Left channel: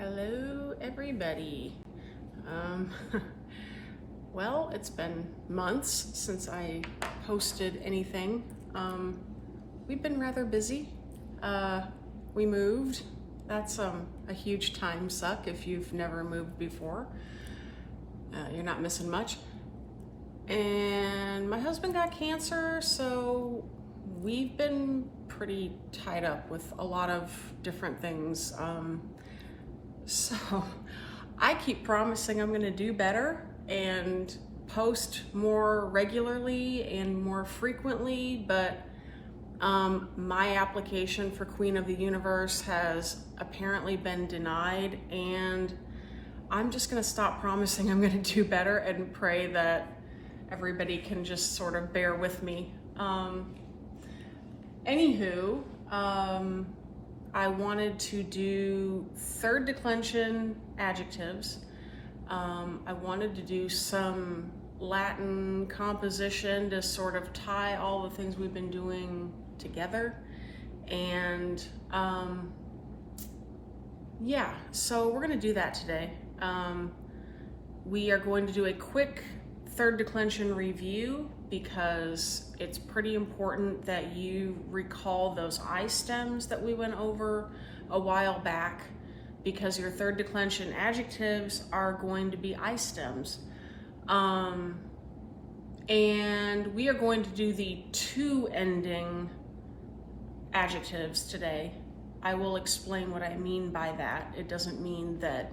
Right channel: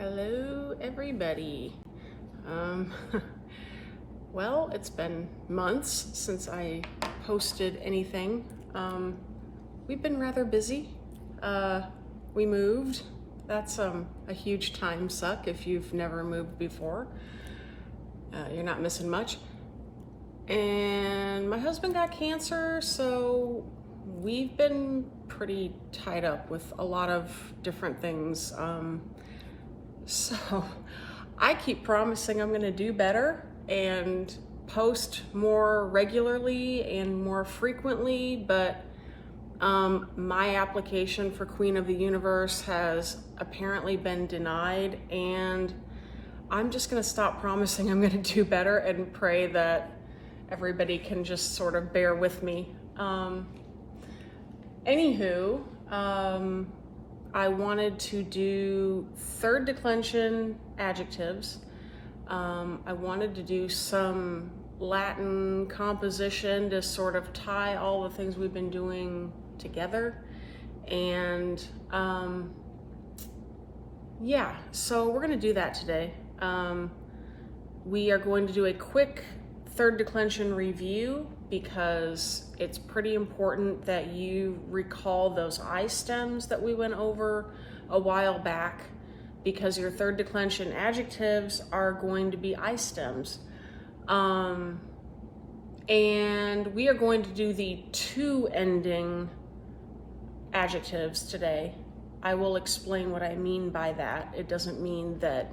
Hello, everybody. Well, it's been months since I posted anything. We've been rather busy. We moved. That's a huge time suck if you've never moved before. You're not missing much. And my husband got cancer, so we've been pretty tied up with a lot of different things. So I keep promising I'm going to do better and post more regularly and more frequently, but my application for Queen of the Universe has apparently been denied, and I'm just going to stop promising I'm going to do better and pray that everybody can just sort of bear with me. Anywho, I wanted to do third declension adjectives. I wanted to do some Latin composition to sort of tie all the things we've been doing together. And yeah, so we're going to do that today. We are going to do a quick third declension review because it's pretty important that you recall those I stems that we went over a while back, because your third declension adjectives are going to be I stems. And we are going to do the two ending adjectives today. I will explain what I mean by that. It doesn't mean that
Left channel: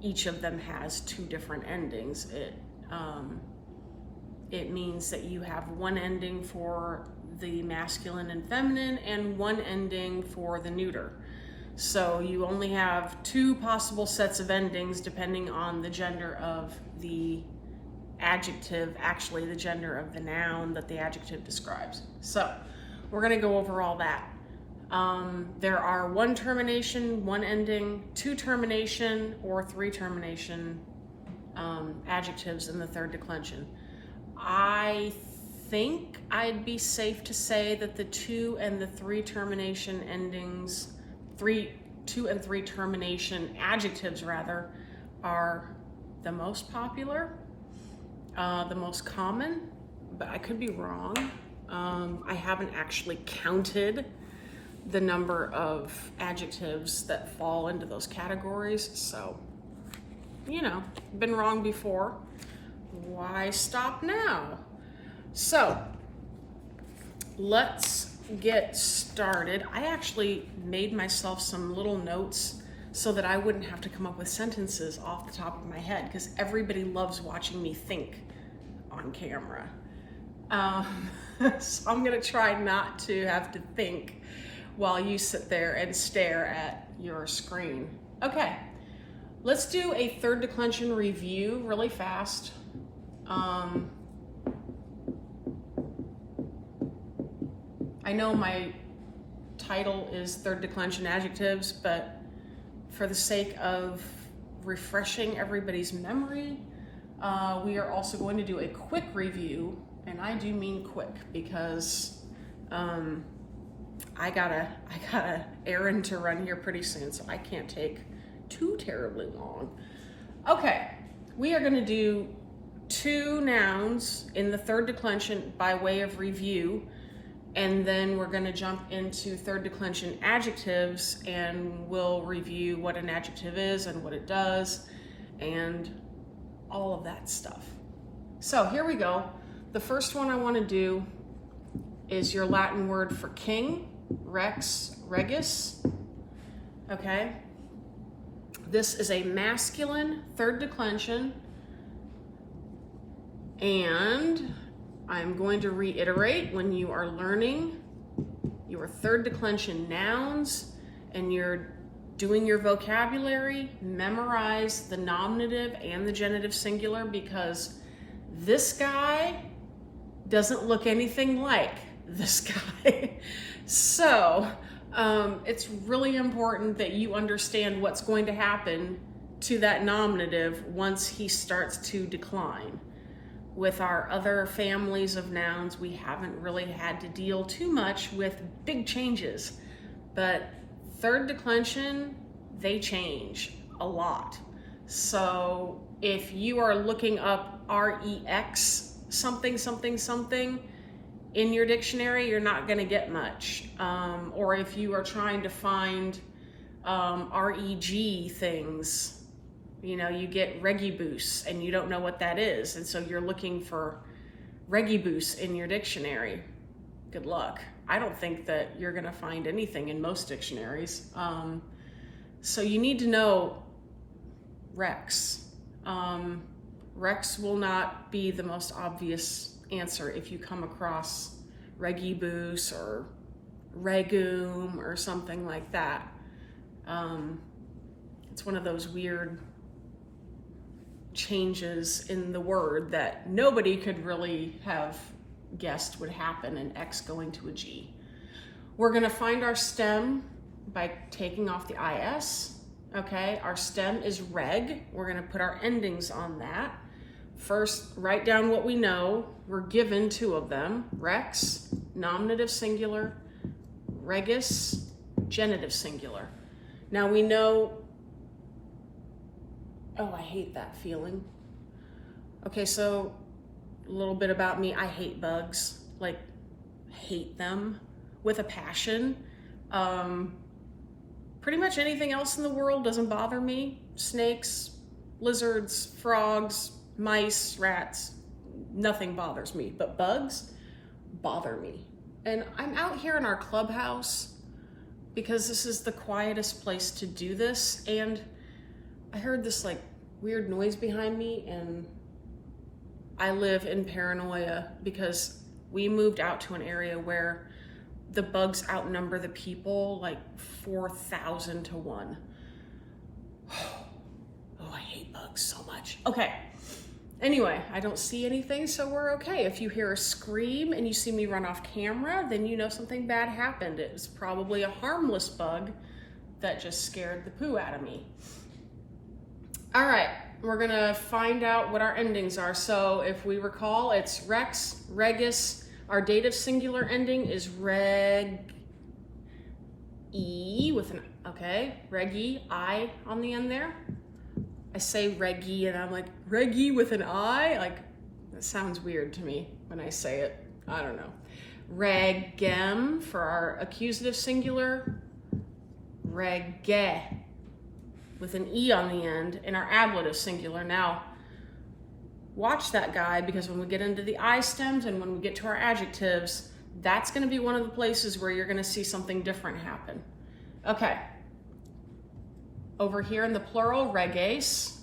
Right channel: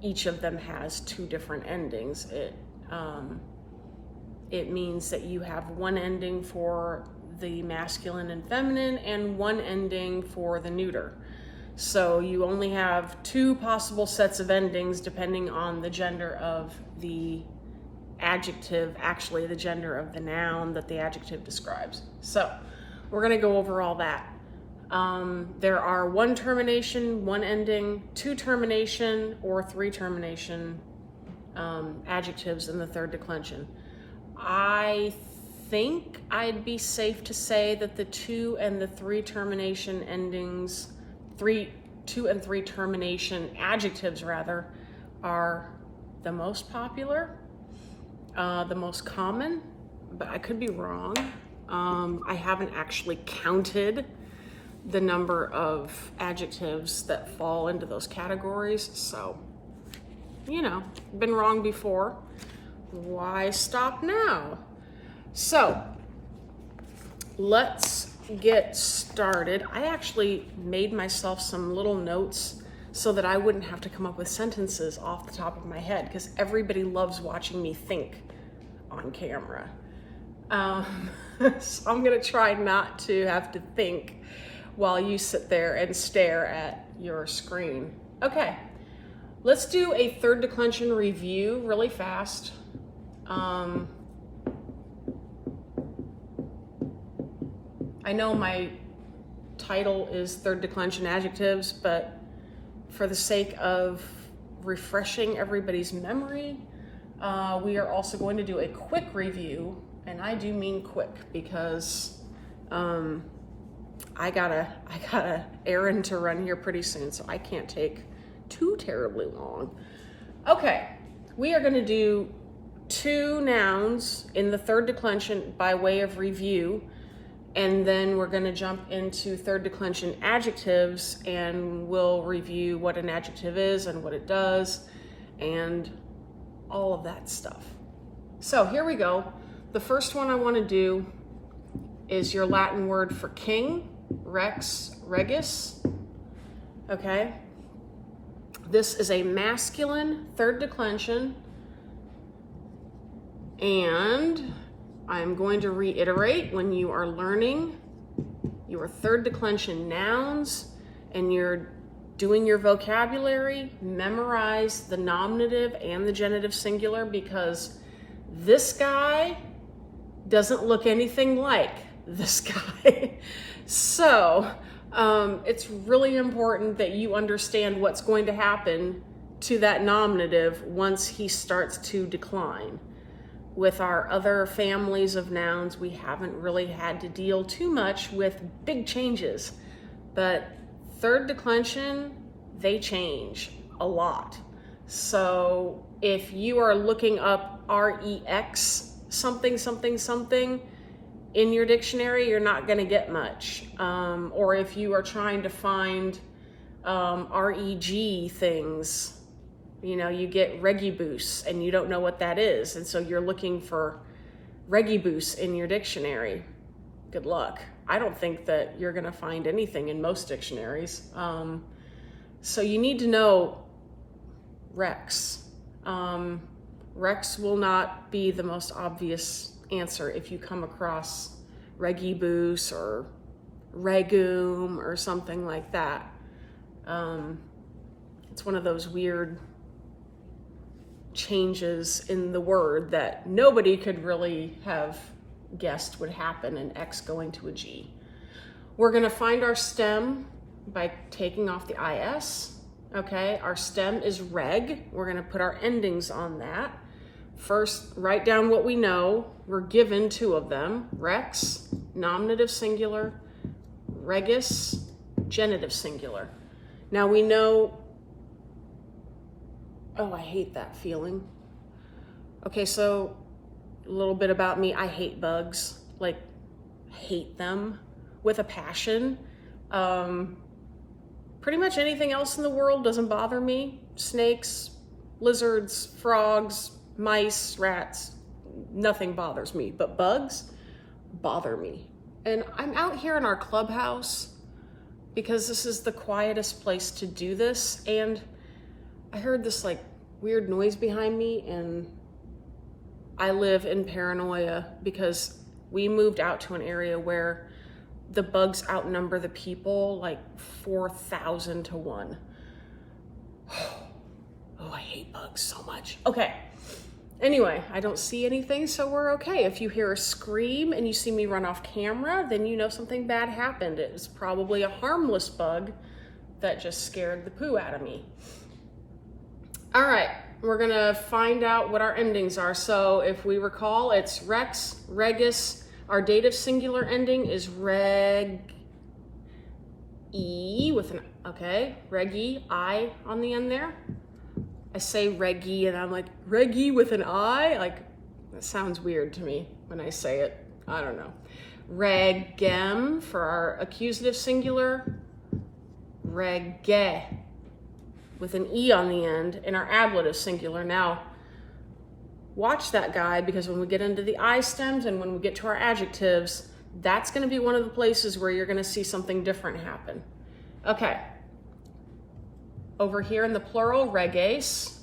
each of them has two different endings. It means that you have one ending for the masculine and feminine and one ending for the neuter. So you only have two possible sets of endings depending on the gender of the adjective, actually the gender of the noun that the adjective describes. So we're going to go over all that. There are one termination, one ending, two termination, or three termination adjectives in the third declension. I think I'd be safe to say that the two and the three termination endings, two and three termination adjectives rather, are the most popular, the most common, but I could be wrong. I haven't actually counted the number of adjectives that fall into those categories, so, you know, been wrong before. Why stop now? So let's get started. I actually made myself some little notes so that I wouldn't have to come up with sentences off the top of my head, because everybody loves watching me think on camera. So I'm gonna try not to have to think while you sit there and stare at your screen. Okay, let's do a third declension review really fast. I know my title is third declension adjectives, but for the sake of refreshing everybody's memory, we are also going to do a quick review, and I do mean quick because I got a errand to run here pretty soon, so I can't take too terribly long. Okay, we are going to do two nouns in the third declension by way of review, and then we're going to jump into third declension adjectives, and we'll review what an adjective is and what it does and all of that stuff. So here we go. The first one I want to do is your Latin word for king, rex, regis. Okay, this is a masculine third declension, and I'm going to reiterate, when you are learning your third declension nouns and you're doing your vocabulary, memorize the nominative and the genitive singular, because this guy doesn't look anything like this guy. So it's really important that you understand what's going to happen to that nominative once he starts to decline. With our other families of nouns, we haven't really had to deal too much with big changes, but third declension, they change. a lot. So if you are looking up REX something, something, something in your dictionary, you're not going to get much. Or if you are trying to find REG things, you know, you get regibus and you don't know what that is. And so you're looking for regibus in your dictionary. Good luck. I don't think that you're going to find anything in most dictionaries. So you need to know Rex. Rex will not be the most obvious answer if you come across regibus or regum or something like that. It's one of those weird changes in the word that nobody could really have guessed would happen, an X going to a G. We're going to find our stem by taking off the IS. Okay, our stem is reg. We're going to put our endings on that. First, write down what we know. We're given two of them: rex, nominative singular; regis, genitive singular. Now we know, oh, I hate that feeling. Okay, so a little bit about me. I hate bugs, like hate them with a passion. Pretty much anything else in the world doesn't bother me. Snakes, lizards, frogs, mice, rats, nothing bothers me, but bugs bother me. And I'm out here in our clubhouse because this is the quietest place to do this. And I heard this like weird noise behind me, and I live in paranoia because we moved out to an area where the bugs outnumber the people like 4,000 to 1. Oh, I hate bugs so much. Okay. Anyway, I don't see anything, so we're okay. If you hear a scream and you see me run off camera, then you know something bad happened. It's probably a harmless bug that just scared the poo out of me. All right, we're gonna find out what our endings are. So if we recall, it's rex, regis. Our dative singular ending is reg-e with an, okay, reg-e, I on the end there. I say reg-e and I'm like, reg-e with an I? Like, that sounds weird to me when I say it. I don't know. Regem for our accusative singular. Rege with an E on the end in our ablative singular. Now, watch that guy, because when we get into the I stems and when we get to our adjectives, that's going to be one of the places where you're going to see something different happen. Okay. Over here in the plural, reges.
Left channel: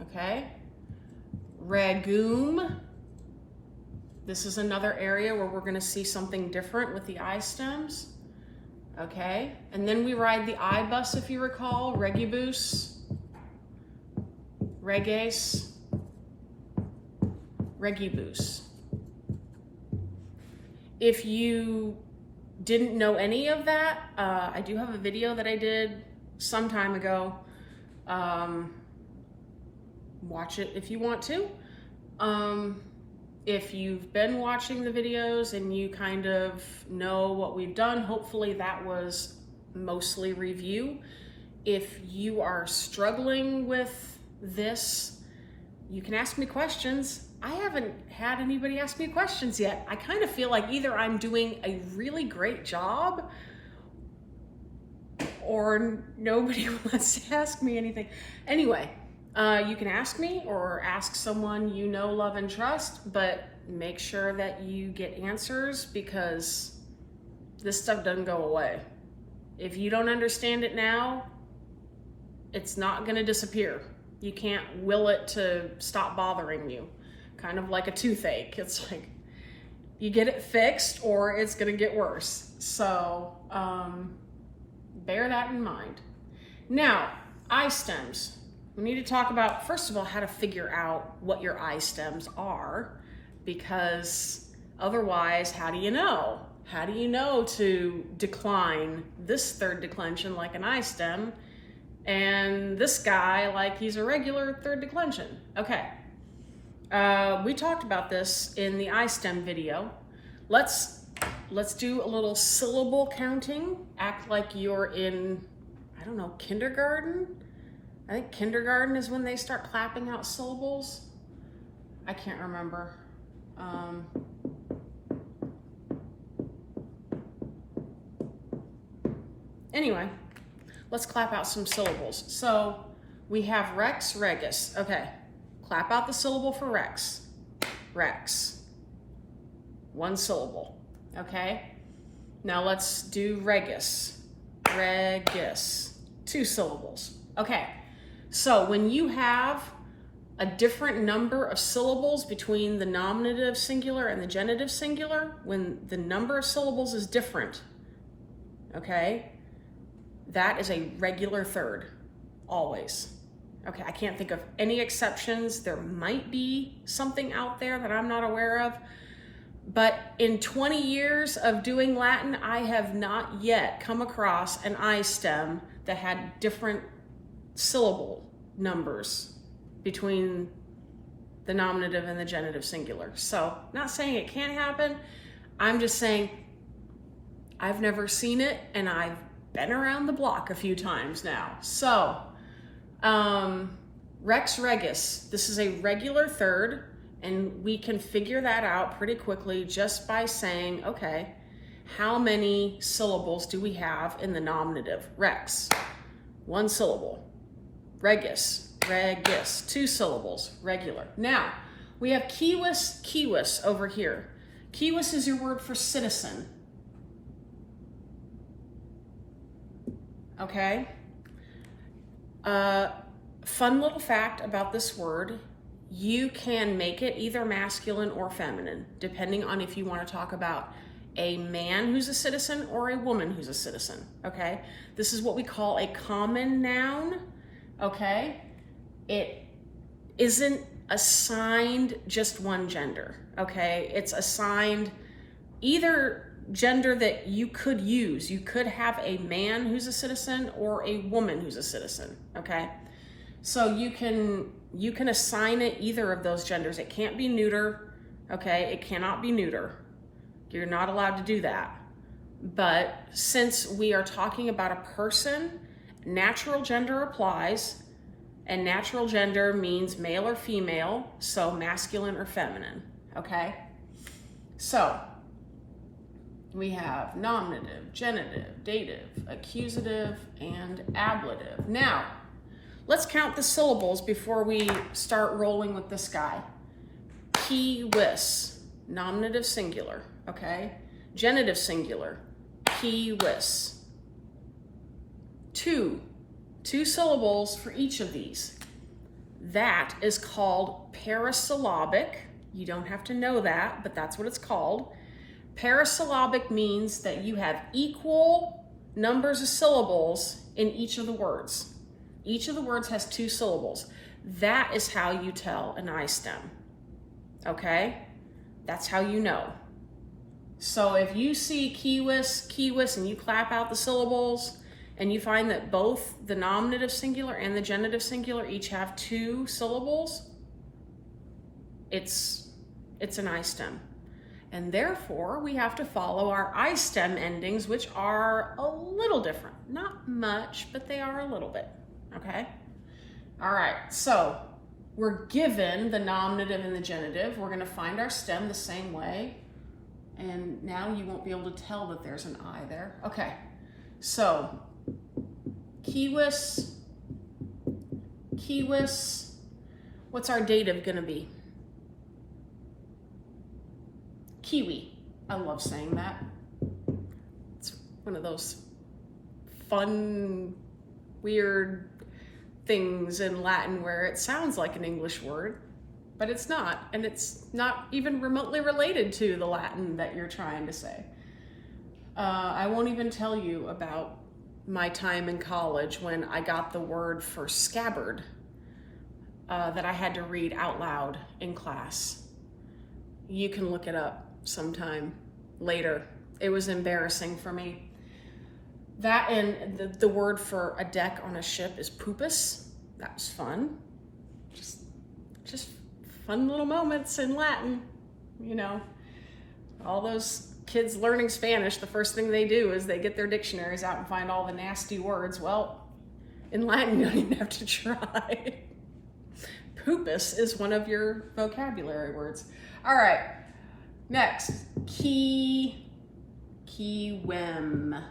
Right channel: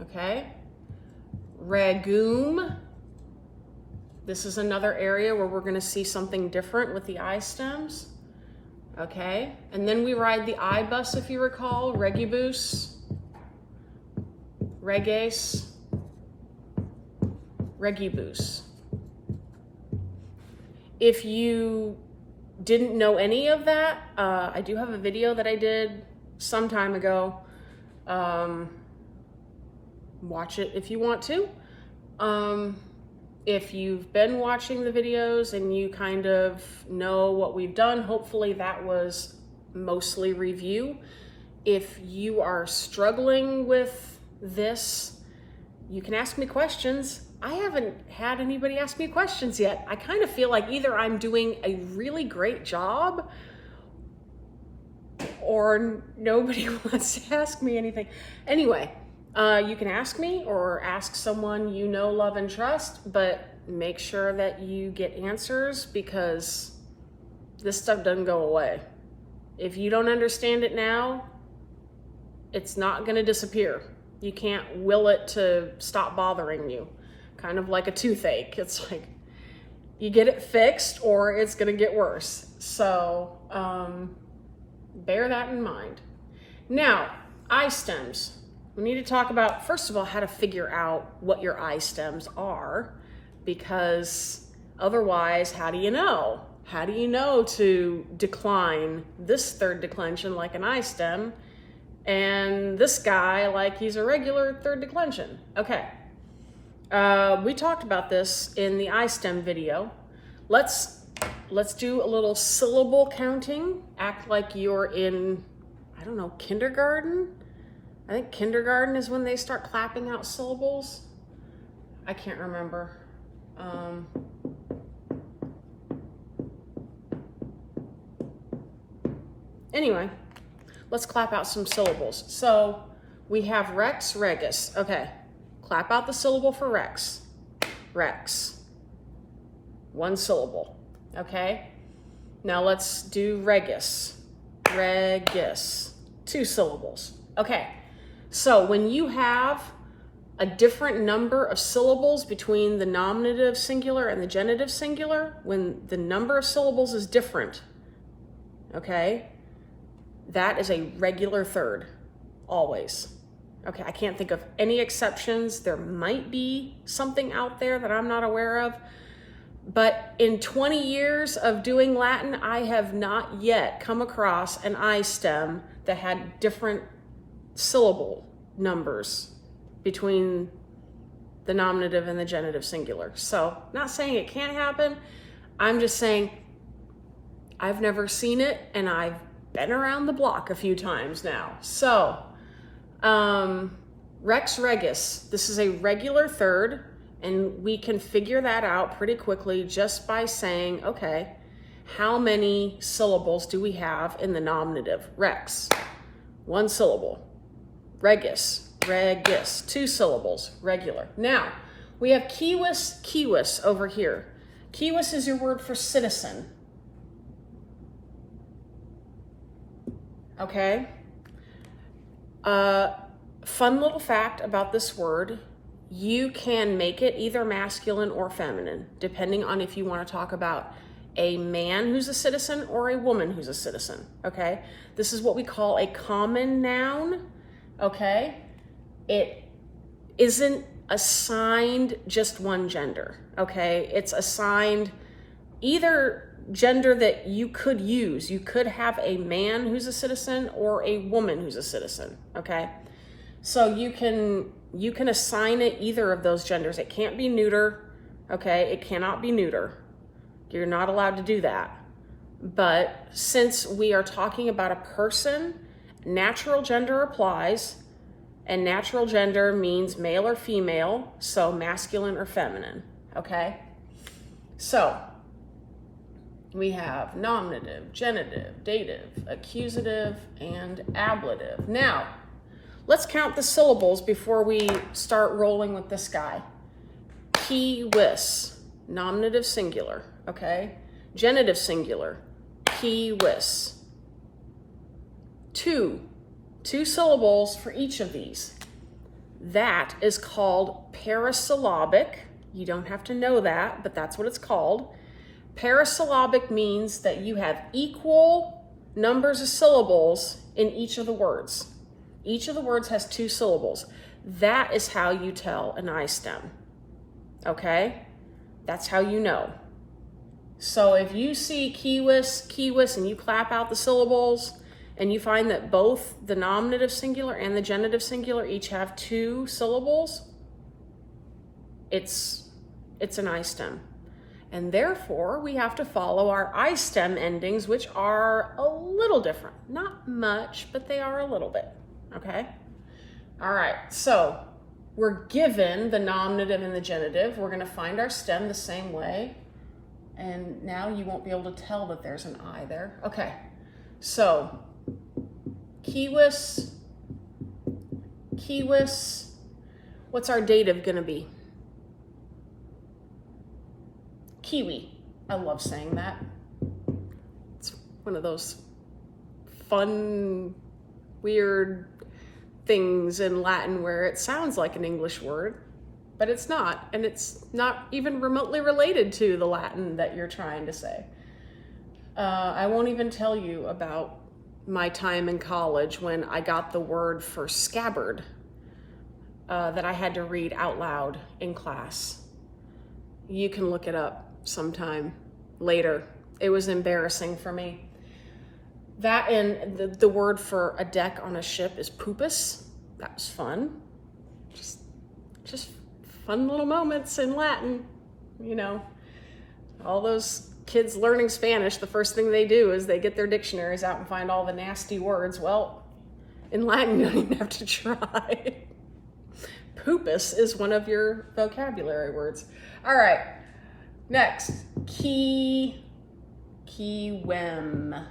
Okay. Regum. This is another area where we're going to see something different with the I stems. Okay. And then we ride the I bus, if you recall. Regibus. Reges. Regibus. If you didn't know any of that, I do have a video that I did some time ago. Watch it if you want to. If you've been watching the videos and you kind of know what we've done, hopefully that was mostly review. If you are struggling with this, you can ask me questions. I haven't had anybody ask me questions yet. I kind of feel like either I'm doing a really great job or nobody wants to ask me anything. Anyway, you can ask me or ask someone you know, love, and trust, but make sure that you get answers, because this stuff doesn't go away. If you don't understand it now, it's not going to disappear. You can't will it to stop bothering you. Kind of like a toothache. It's like you get it fixed or it's going to get worse. So bear that in mind. Now, I stems. We need to talk about, first of all, how to figure out what your I stems are, because otherwise, how do you know? How do you know to decline this third declension like an I stem and this guy like he's a regular third declension? Okay. We talked about this in the I stem video. Let's do a little syllable counting. Act like you're in, I don't know, kindergarten? I think kindergarten is when they start clapping out syllables. I can't remember. Anyway, let's clap out some syllables. So we have rex, regis. Okay, clap out the syllable for rex. Rex. One syllable. Okay, now let's do regis. Regis. Two syllables. Okay, so when you have a different number of syllables between the nominative singular and the genitive singular, when the number of syllables is different, okay, that is a regular third, always. Okay, I can't think of any exceptions. There might be something out there that I'm not aware of, but in 20 years of doing Latin, I have not yet come across an I stem that had different syllable numbers between the nominative and the genitive singular. So, not saying it can't happen, I'm just saying I've never seen it, and I've been around the block a few times now. So, rex regis, this is a regular third, and we can figure that out pretty quickly just by saying, okay, how many syllables do we have in the nominative? Rex, one syllable. Regis, regis, two syllables, regular. Now, we have civis, civis over here. Civis is your word for citizen. Okay? Fun little fact about this word, you can make it either masculine or feminine, depending on if you want to talk about a man who's a citizen or a woman who's a citizen, okay? This is what we call a common noun, okay? It isn't assigned just one gender, okay? It's assigned either gender that you could use. You could have a man who's a citizen or a woman who's a citizen, okay? So you can assign it either of those genders. It can't be neuter, okay? It cannot be neuter. You're not allowed to do that. But since we are talking about a person, natural gender applies, and natural gender means male or female, so masculine or feminine, okay? So we have nominative, genitive, dative, accusative, and ablative. Now, let's count the syllables before we start rolling with this guy. Civis, nominative singular, okay? Genitive singular, civis. Two syllables for each of these. That is called parasyllabic. You don't have to know that, but that's what it's called. Parasyllabic means that you have equal numbers of syllables in each of the words. Each of the words has two syllables. That is how you tell an I stem, okay? That's how you know. So if you see civis, civis, and you clap out the syllables, and you find that both the nominative singular and the genitive singular each have two syllables, it's an I stem. And therefore, we have to follow our I stem endings, which are a little different. Not much, but they are a little bit, okay? All right, so we're given the nominative and the genitive. We're gonna find our stem the same way. And now you won't be able to tell that there's an I there. Okay, so civis, civis, what's our dative gonna be? Kiwi. I love saying that. It's one of those fun, weird things in Latin where it sounds like an English word, but it's not, and it's not even remotely related to the Latin that you're trying to say. I won't even tell you about my time in college when I got the word for scabbard that I had to read out loud in class. You can look it up sometime later. It was embarrassing for me. That and the word for a deck on a ship is pupus. That was fun. Just fun little moments in Latin, you know. All those kids learning Spanish, the first thing they do is they get their dictionaries out and find all the nasty words. Well, In Latin, you don't even have to try. Pupus is one of your vocabulary words. All right, next, kiwem.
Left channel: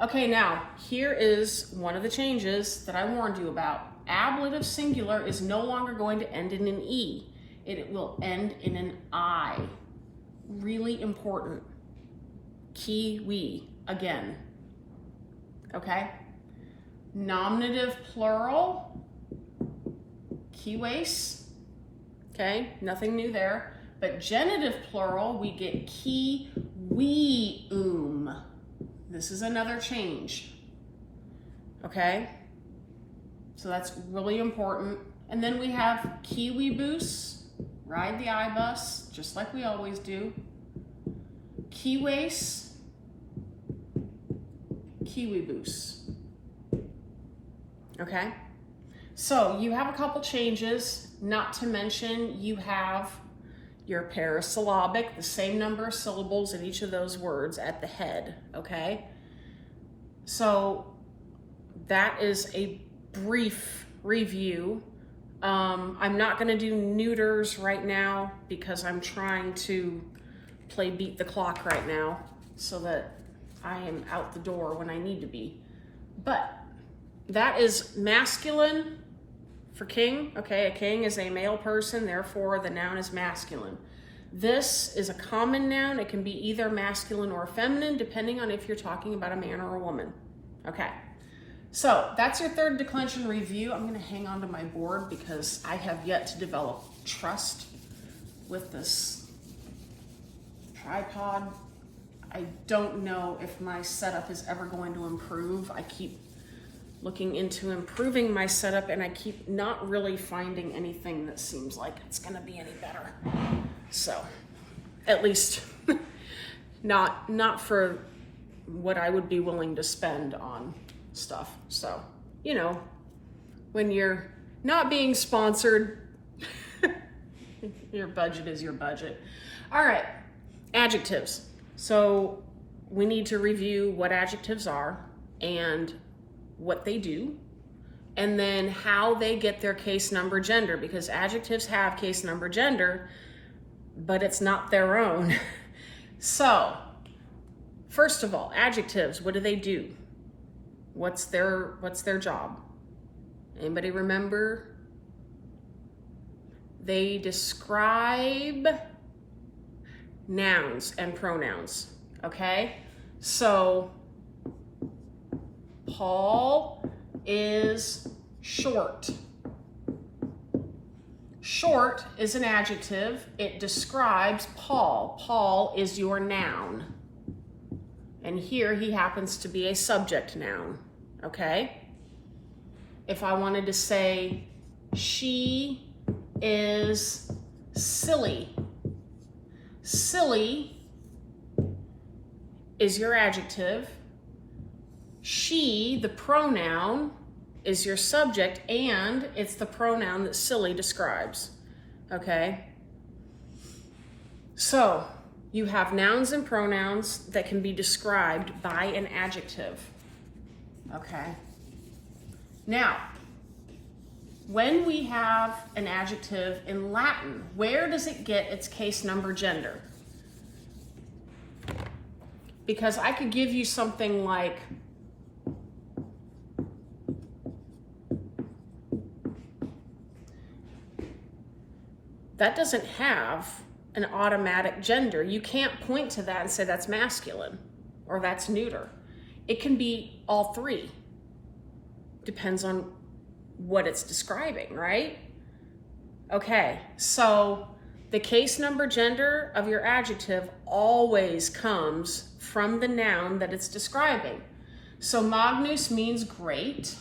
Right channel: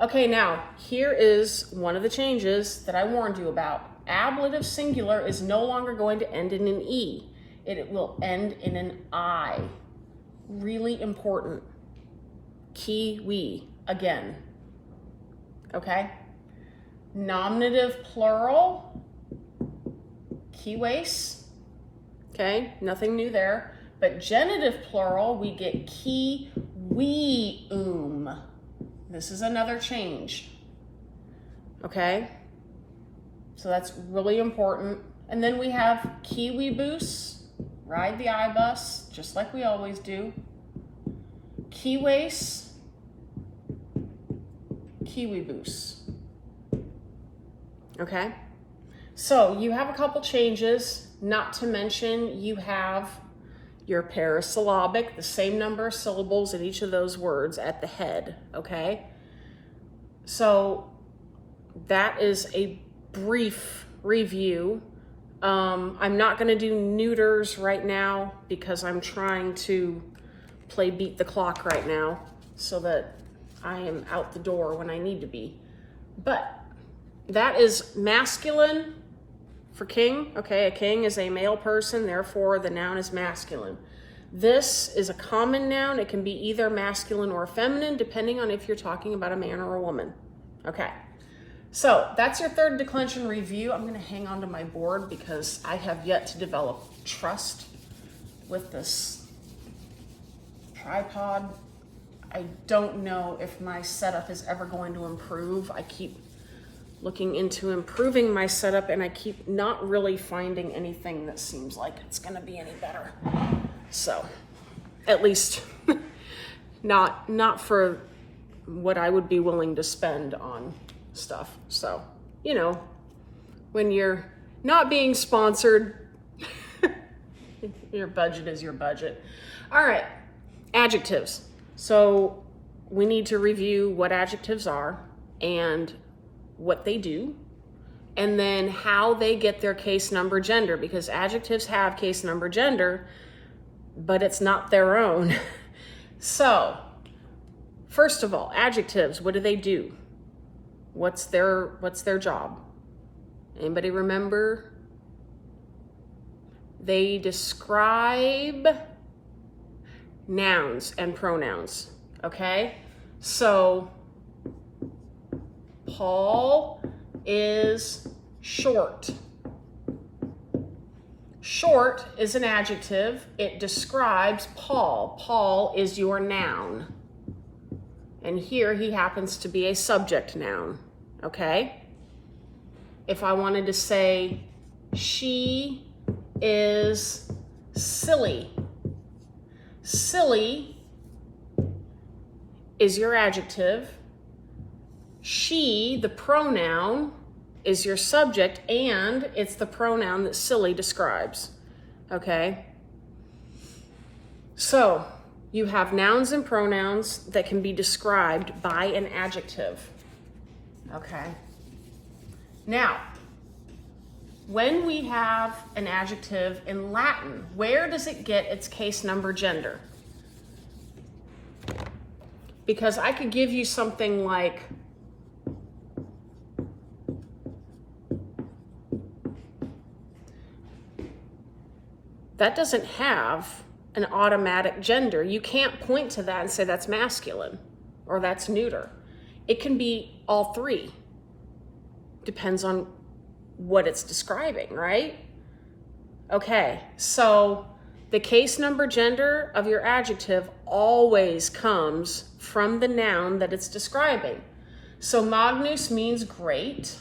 Okay, now, here is one of the changes that I warned you about. Ablative singular is no longer going to end in an E. It will end in an I. Really important. Kiwi, again. Okay? Nominative plural, kiwes. Okay, nothing new there. But genitive plural, we get kiwium. This is another change. Okay? So that's really important. And then we have kiwibus, ride the I-bus, just like we always do. Kiwes, kiwibus. Okay? So you have a couple changes, not to mention you have your parasyllabic, the same number of syllables in each of those words at the head, okay? So that is a brief review. I'm not going to do neuters right now because I'm trying to play beat the clock right now so that I am out the door when I need to be. But that is masculine for king. Okay, a king is a male person, therefore the noun is masculine. This is a common noun. It can be either masculine or feminine, depending on if you're talking about a man or a woman. Okay, so that's your third declension review. I'm going to hang on to my board because I have yet to develop trust with this tripod. I don't know if my setup is ever going to improve. I keep looking into improving my setup and I keep not really finding anything that seems like it's going to be any better. So, at least not for what I would be willing to spend on stuff. So, you know, when you're not being sponsored, your budget is your budget. All right, adjectives. So we need to review what adjectives are and what they do, and then how they get their case number gender, because adjectives have case number gender, but it's not their own. So, first of all, adjectives, what do they do? What's their job? Anybody remember? They describe nouns and pronouns, okay? So, Paul is short. Short is an adjective. It describes Paul. Paul is your noun. And here he happens to be a subject noun, okay? If I wanted to say, she is silly. Silly is your adjective. She, the pronoun, is your subject, and it's the pronoun that silly describes, okay? So, you have nouns and pronouns that can be described by an adjective, okay? Now, when we have an adjective in Latin, where does it get its case number gender? Because I could give you something like, that doesn't have an automatic gender. You can't point to that and say that's masculine or that's neuter. It can be all three. Depends on what it's describing, right? Okay, so the case number gender of your adjective always comes from the noun that it's describing. So magnus means great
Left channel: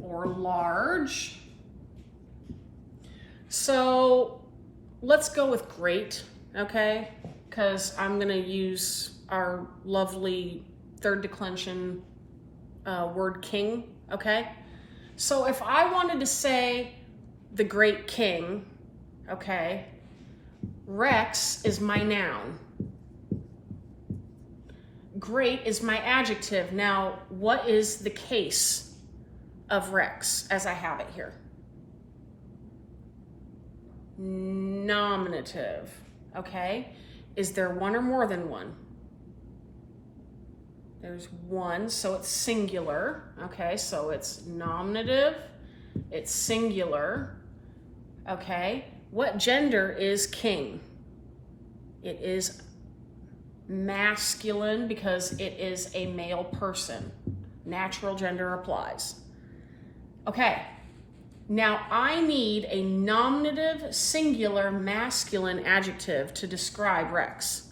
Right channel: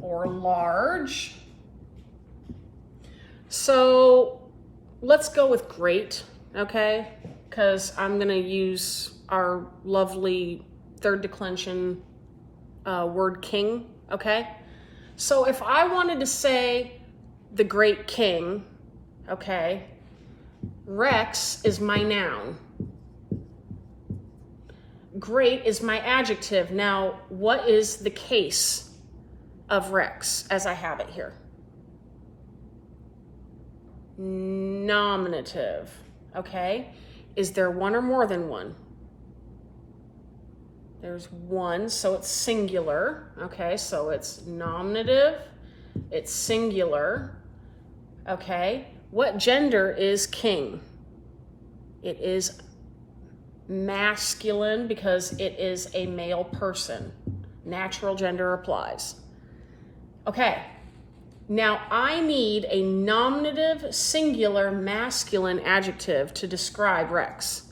or large. So let's go with great, okay? Because I'm going to use our lovely third declension word king, okay? So if I wanted to say the great king, okay, Rex is my noun. Great is my adjective. Now, what is the case of Rex as I have it here. Nominative, okay? Is there one or more than one? There's one, so it's singular, okay? So it's nominative, it's singular, okay? What gender is king? It is masculine because it is a male person. Natural gender applies. Okay, now I need a nominative, singular, masculine adjective to describe Rex.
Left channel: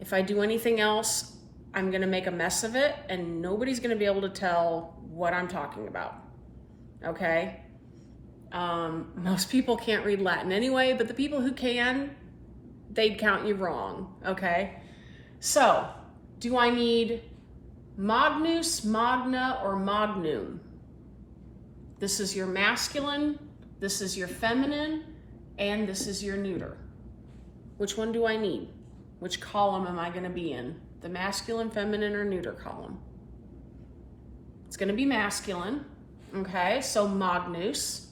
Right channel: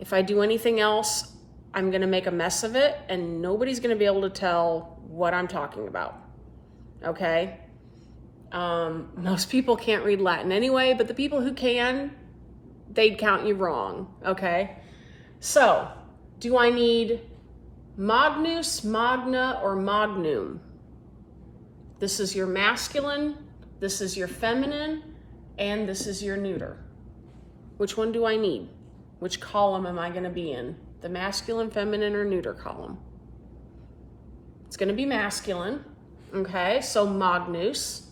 If I do anything else, I'm gonna make a mess of it and nobody's gonna be able to tell what I'm talking about, okay? Most people can't read Latin anyway, but the people who can, they'd count you wrong, okay? So, do I need magnus, magna, or magnum? This is your masculine, this is your feminine, and this is your neuter. Which one do I need? Which column am I going to be in? The masculine, feminine, or neuter column? It's going to be masculine, okay? So magnus.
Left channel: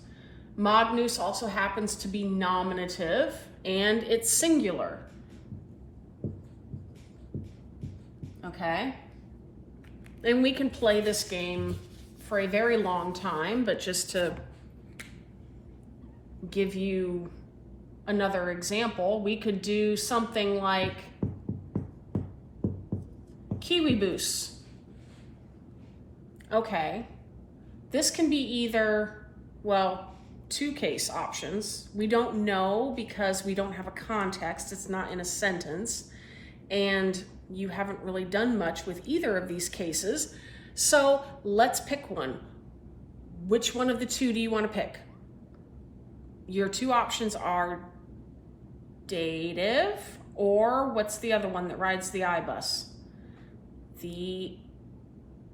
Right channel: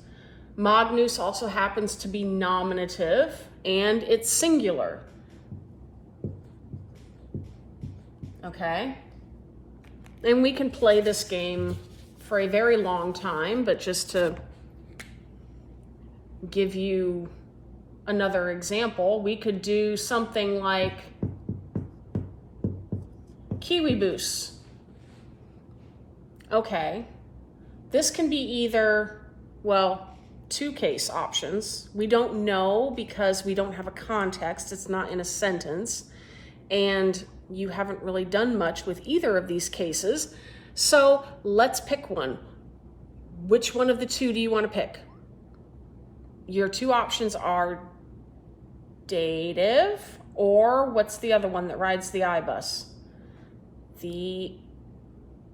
Magnus also happens to be nominative, and it's singular. Okay? And we can play this game for a very long time, but just to give you another example, we could do something like kiwibus. Okay, this can be either, well, two case options. We don't know because we don't have a context, it's not in a sentence, and you haven't really done much with either of these cases. So let's pick one. Which one of the two do you want to pick? Your two options are dative, or what's the other one that rides the I-bus? The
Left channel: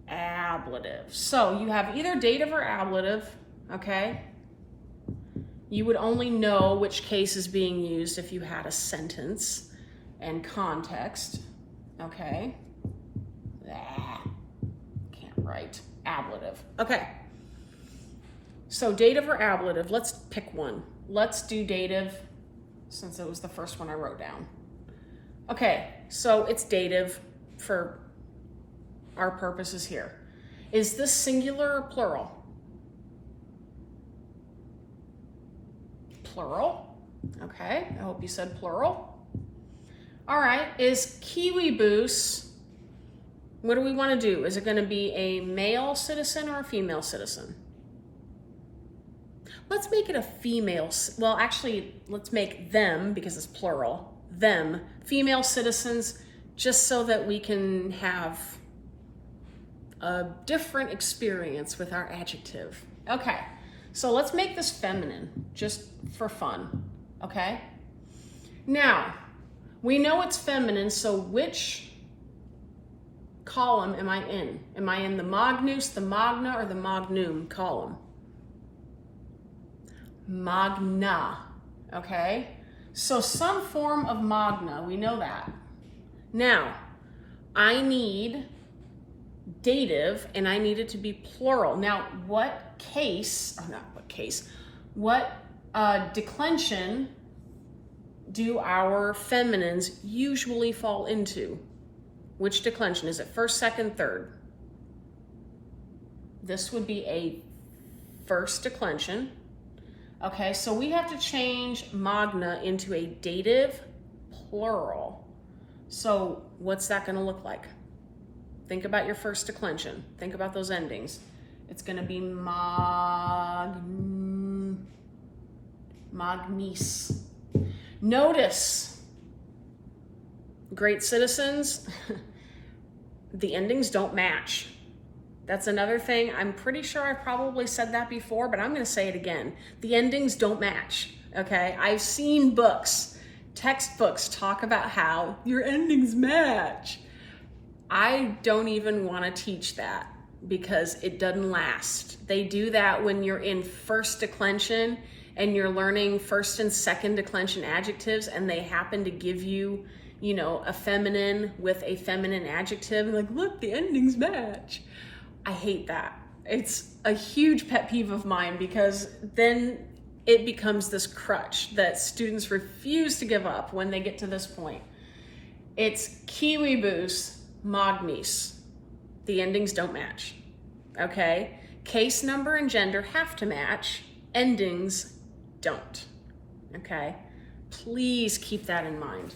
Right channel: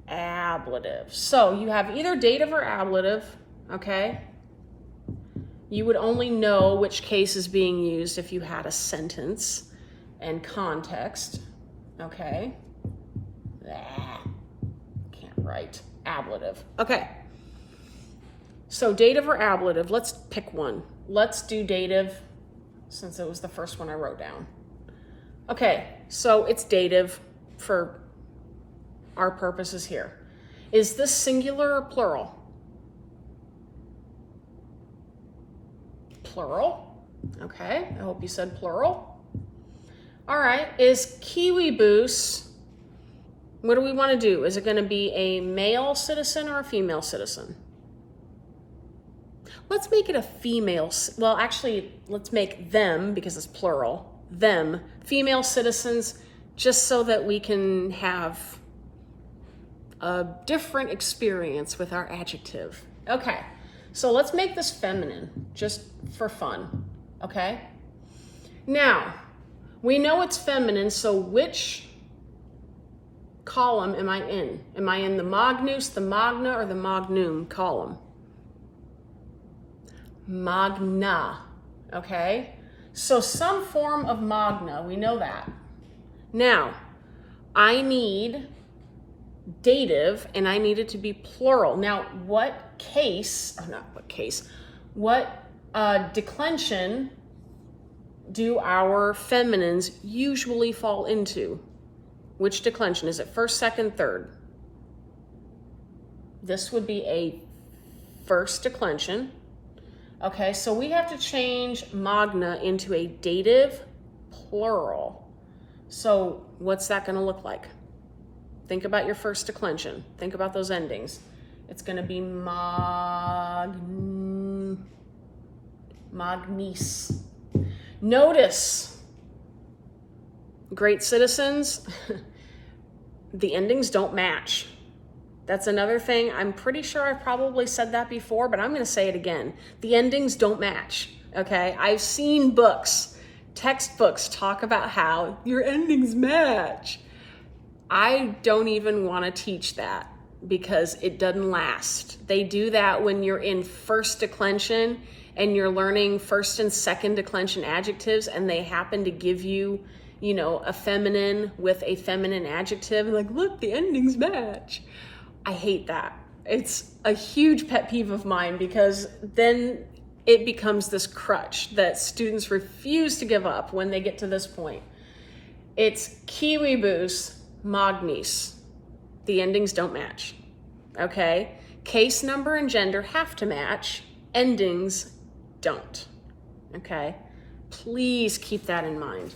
ablative. So you have either dative or ablative, okay? You would only know which case is being used if you had a sentence and context, okay? Can't write. Ablative. Okay. So dative or ablative, let's pick one. Let's do dative since it was the first one I wrote down. Okay, so it's dative for our purposes here. Is this singular or plural? Plural. Okay, I hope you said plural. All right, is kiwibus, what do we want to do? Is it going to be a male citizen or a female citizen? Let's make it a female, well, actually, let's make them, because it's plural, them, female citizens, just so that we can have a different experience with our adjective. Okay, so let's make this feminine, just for fun, okay? Now, we know it's feminine, so which column am I in? Am I in the magnus, the magna, or the magnum column? Magna, okay? So some form of magna, we know that. Now, I need dative, and I need it to be plural. Now, what declension do our feminines usually fall into? Which declension? Is it first, second, third? This would be a first declension. Okay, so we have to change magna into a dative plural. So what's that going to look like? Think about your first declension. Think about those endings. It's going to be magnis. Notice, great citizens, the endings don't match. That's another thing. I'm pretty sure I probably said that before, but I'm going to say it again. The endings don't match, okay? I've seen books, textbooks talk about how your endings match. I don't even want to teach that because it doesn't last. They do that when you're in first declension and you're learning first and second declension adjectives and they happen to give you, you know, a feminine with a feminine adjective. Like, look, the endings match. I hate that. It's a huge pet peeve of mine because then it becomes this crutch that students refuse to give up when they get to this point. It's kiwibus, magnis. The endings don't match, okay? Case number and gender have to match, endings don't, okay? Please keep that in mind.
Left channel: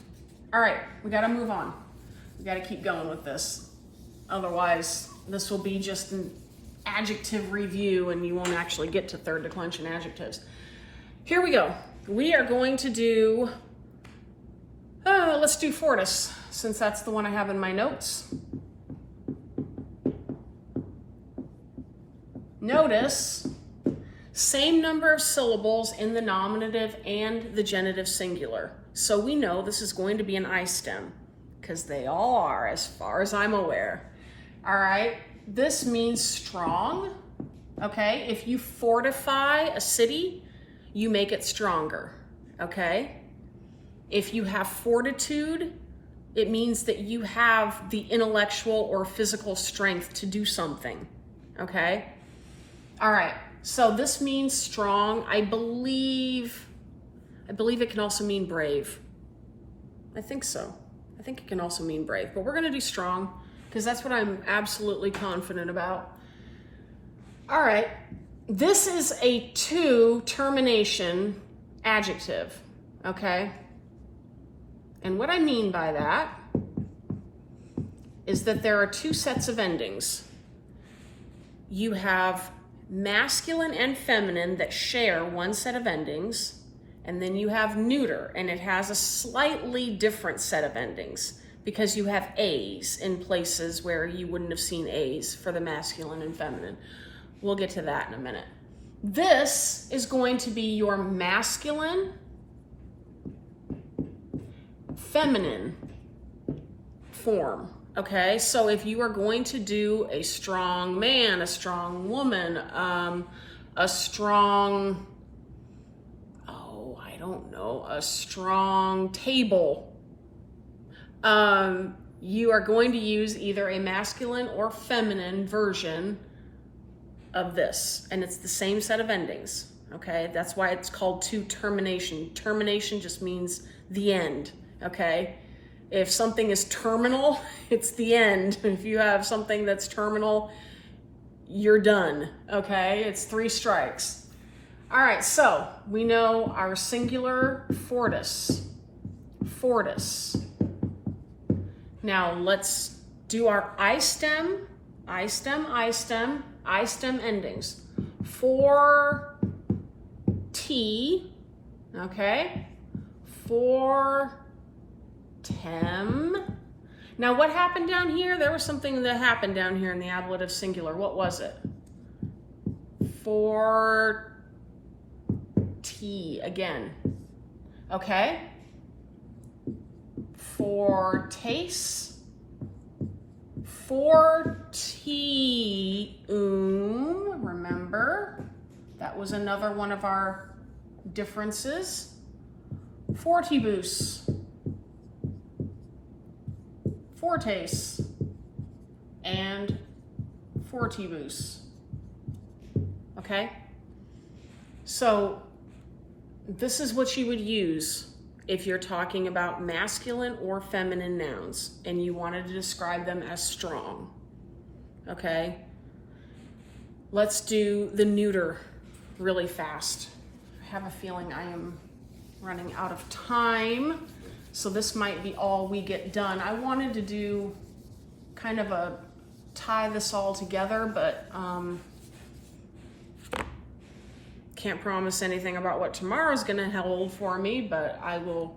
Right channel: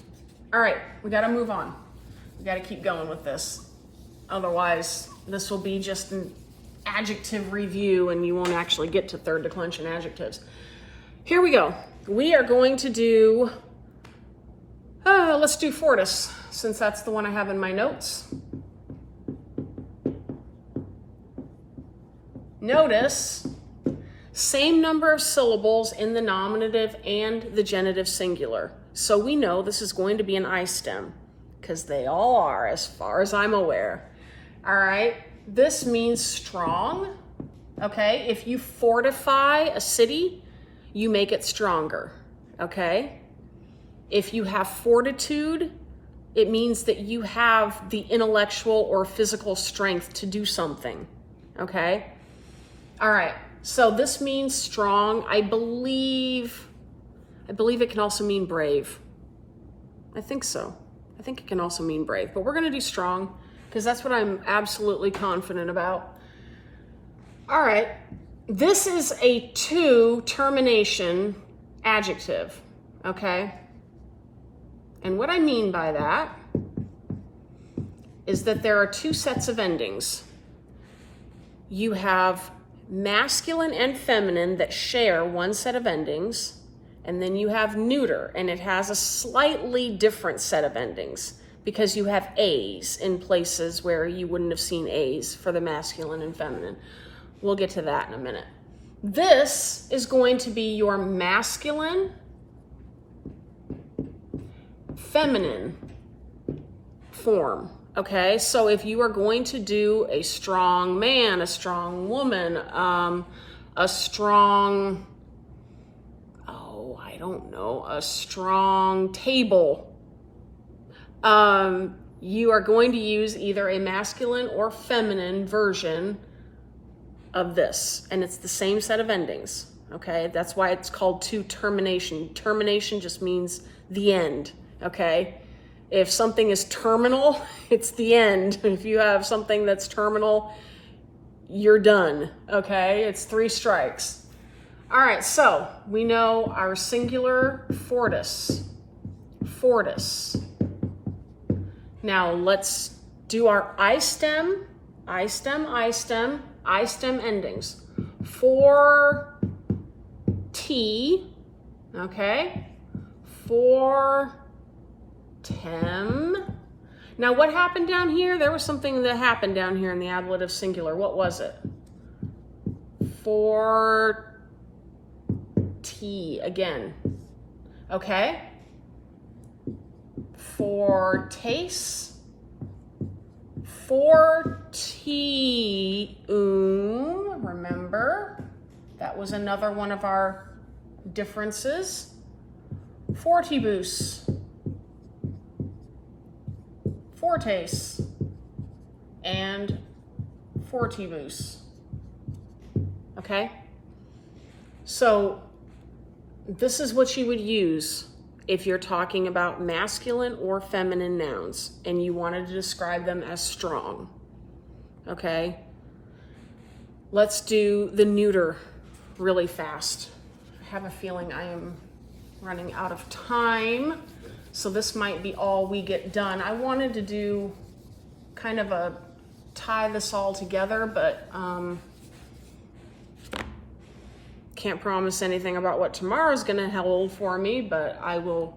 All right, we gotta move on. We gotta keep going with this. Otherwise, this will be just an adjective review and you won't actually get to third declension adjectives. Here we go. We are going to do, let's do fortis, since that's the one I have in my notes. Notice, same number of syllables in the nominative and the genitive singular. So we know this is going to be an I stem, because they all are, as far as I'm aware. All right, this means strong, okay? If you fortify a city, you make it stronger, okay? If you have fortitude, it means that you have the intellectual or physical strength to do something, okay? All right, so this means strong. I believe it can also mean brave. I think so. I think it can also mean brave, but we're gonna do strong because that's what I'm absolutely confident about. All right, this is a two-termination adjective, okay? And what I mean by that is that there are two sets of endings. You have masculine and feminine that share one set of endings, and then you have neuter, and it has a slightly different set of endings because you have A's in places where you wouldn't have seen A's for the masculine and feminine. We'll get to that in a minute. This is going to be your masculine, feminine form. Okay, so if you are going to do a strong man, a strong woman, a strong, a strong table, you are going to use either a masculine or feminine version of this, and it's the same set of endings, okay? That's why it's called two-termination. Termination just means the end, okay? If something is terminal, it's the end. If you have something that's terminal, you're done, okay? It's 3 strikes. All right, so we know our singular fortis. Fortis. Now let's do our I stem endings. For T, okay? For tem. Now what happened down here? There was something that happened down here in the ablative singular. What was it? For T again. Okay? For taste. For T. Remember? That was another one of our differences. Fortibus. Fortes and fortibus. Okay? So this is what you would use if you're talking about masculine or feminine nouns and you wanted to describe them as strong. Okay? Let's do the neuter really fast. I have a feeling I am running out of time. So this might be all we get done. I wanted to do kind of a tie this all together, but can't promise anything about what tomorrow's gonna hold for me, but I will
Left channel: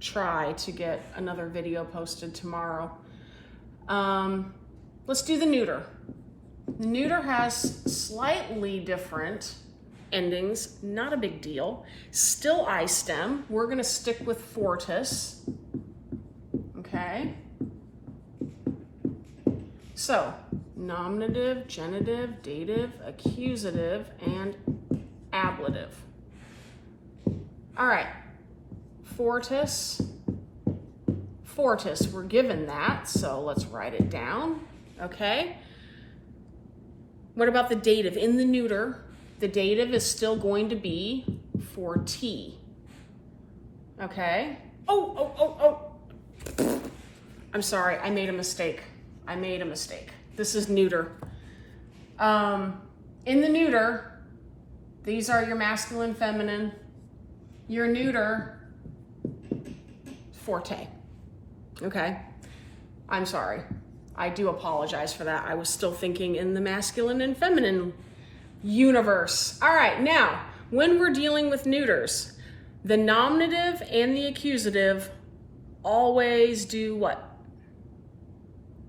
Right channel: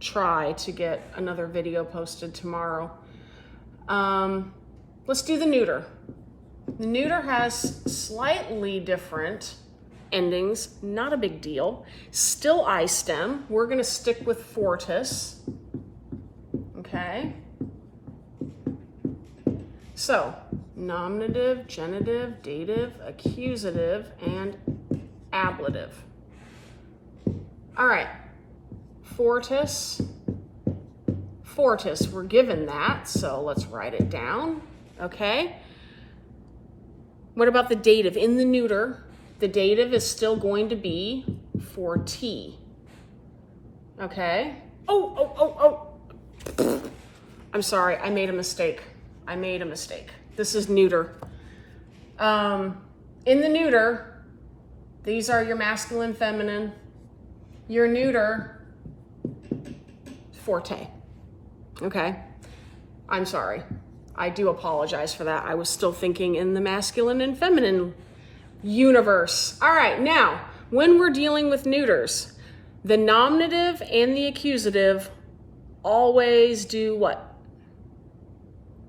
try to get another video posted tomorrow. Let's do the neuter. The neuter has slightly different endings, not a big deal. Still I stem. We're going to stick with fortis. Okay. So, nominative, genitive, dative, accusative, and ablative. All right. Fortis. Fortis, we're given that, so let's write it down. Okay. What about the dative? In the neuter, the dative is still going to be for T. Okay? Oh. I'm sorry, I made a mistake. This is neuter. In the neuter, these are your masculine, feminine. Your neuter, forte. Okay? I'm sorry. I do apologize for that. I was still thinking in the masculine and feminine universe. All right, now, when we're dealing with neuters, the nominative and the accusative always do what?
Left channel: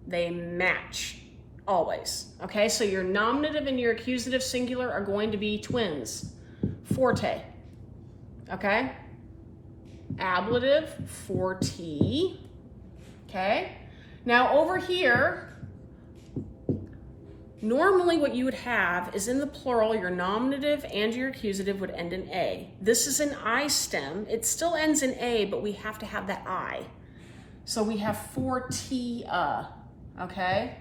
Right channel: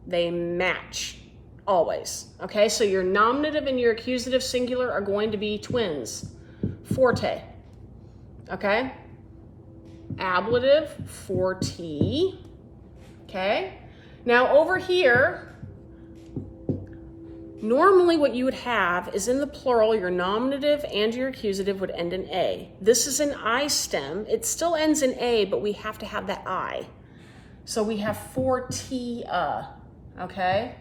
They match. Always. Okay, so your nominative and your accusative singular are going to be twins. Forte. Okay? Ablative, forte. Okay? Now over here, normally what you would have is in the plural, your nominative and your accusative would end in A. This is an I stem. It still ends in A, but we have to have that I. So we have fortia. Okay?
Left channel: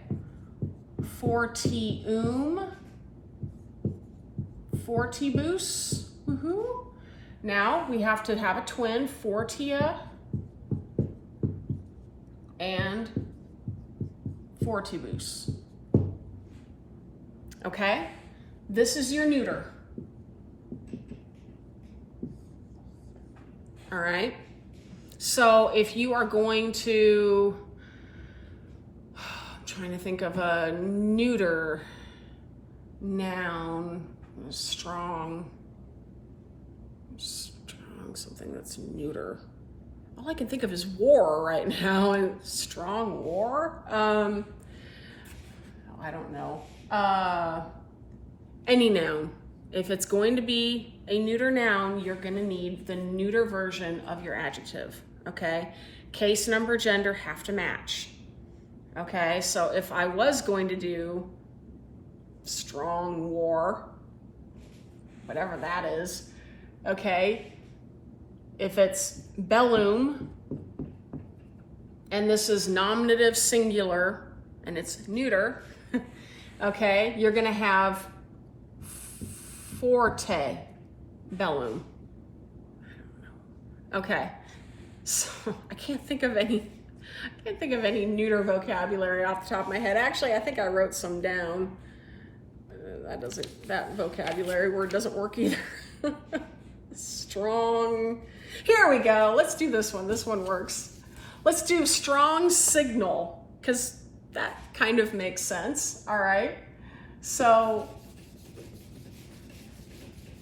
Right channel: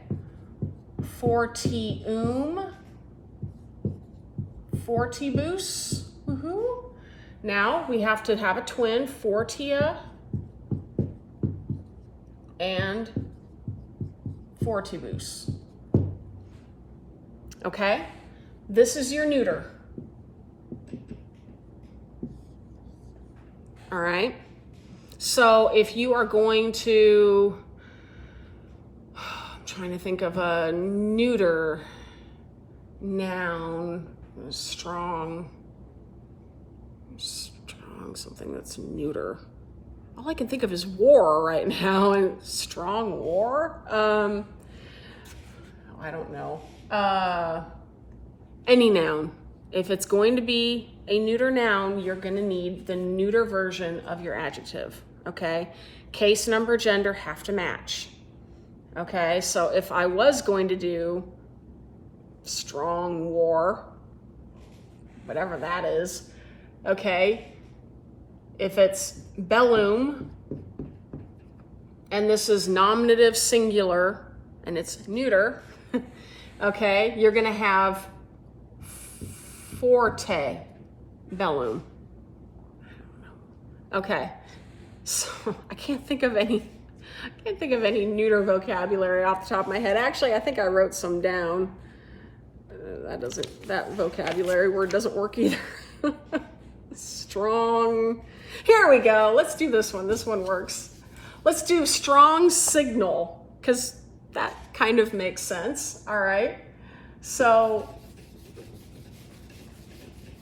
Fortium, fortibus, woohoo. Now we have to have a twin, fortia and fortibus. Okay, this is your neuter. All right, so if you are going to, trying to think of a neuter noun, strong, something that's neuter. All I can think of is war right now, and strong war. I don't know. Any noun. If it's going to be a neuter noun, you're going to need the neuter version of your adjective. Okay, case, number, gender have to match. Okay, so if I was going to do strong war, whatever that is, okay, if it's bellum, and this is nominative singular, and it's neuter, okay, you're going to have forte, bellum. Okay, so I can't think of any neuter vocabulary off the top of my head. Actually, I think I wrote some down. That vocabulary word doesn't work either. Strong. Here we go. Let's do this one. This one works. Let's do strong signal, because that kind of makes sense. All right. So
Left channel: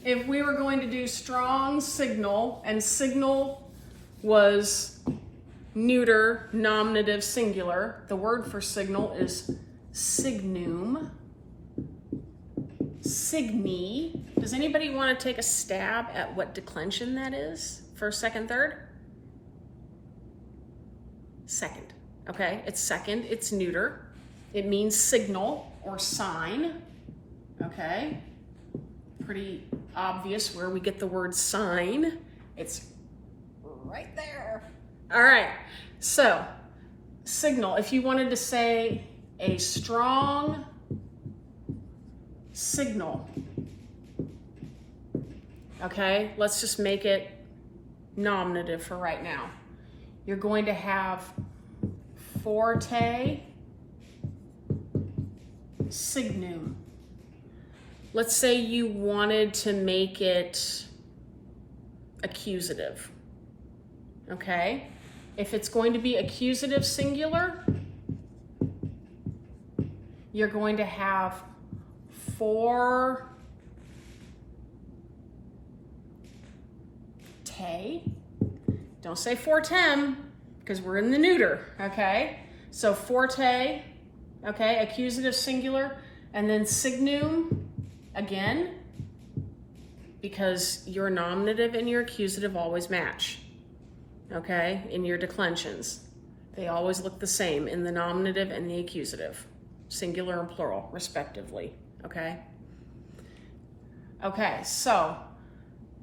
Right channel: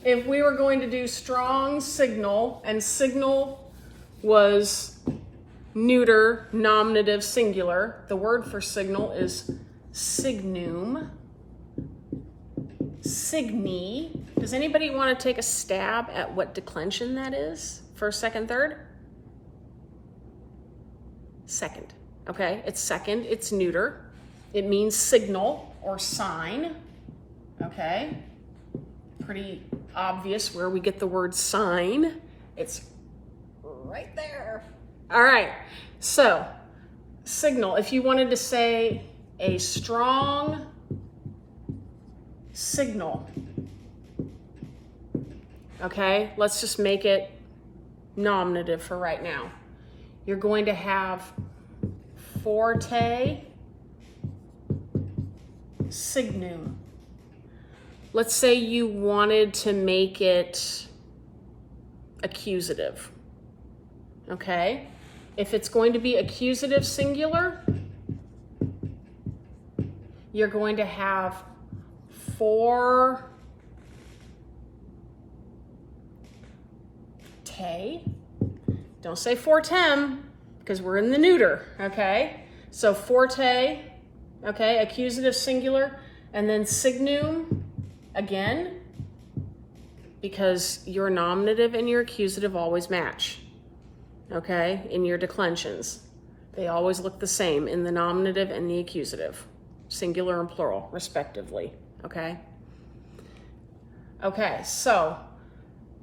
if we were going to do strong signal, and signal was neuter, nominative, singular. The word for signal is signum. Signi. Does anybody want to take a stab at what declension that is? First, second, third? Second. Okay, it's second. It's neuter. It means signal or sign. Okay. Pretty obvious where we get the word sign. It's right there. All right, so signal. If you wanted to say a strong signal, okay, let's just make it nominative for right now. You're going to have forte signum. Let's say you wanted to make it accusative, okay? If it's going to be accusative singular, you're going to have forte. Don't say fortem, because we're in the neuter, okay? So forte, okay, accusative singular, and then signum, again, because your nominative and your accusative always match. Okay, in your declensions. They always look the same in the nominative and the accusative, singular and plural, respectively, okay? Okay, so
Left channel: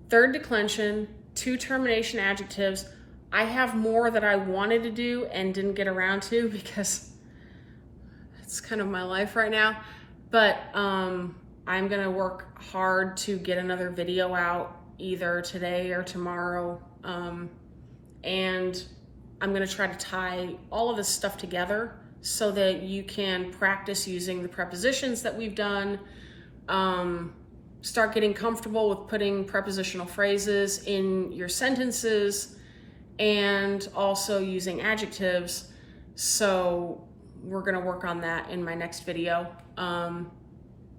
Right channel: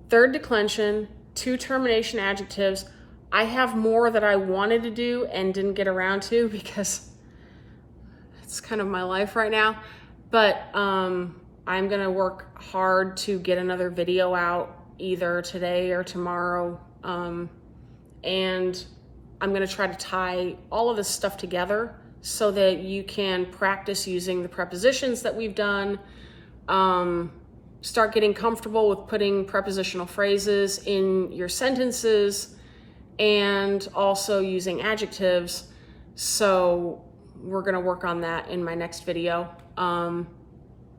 third declension, two-termination adjectives. I have more that I wanted to do and didn't get around to because it's kind of my life right now. But I'm gonna work hard to get another video out either today or tomorrow. And I'm gonna try to tie all of this stuff together so that you can practice using the prepositions that we've done, start getting comfortable with putting prepositional phrases in your sentences, and also using adjectives. So we're gonna work on that in my next video.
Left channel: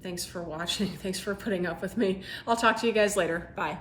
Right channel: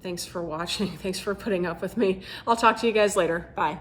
Thanks for watching. Thanks for putting up with me. I'll talk to you guys later. Bye.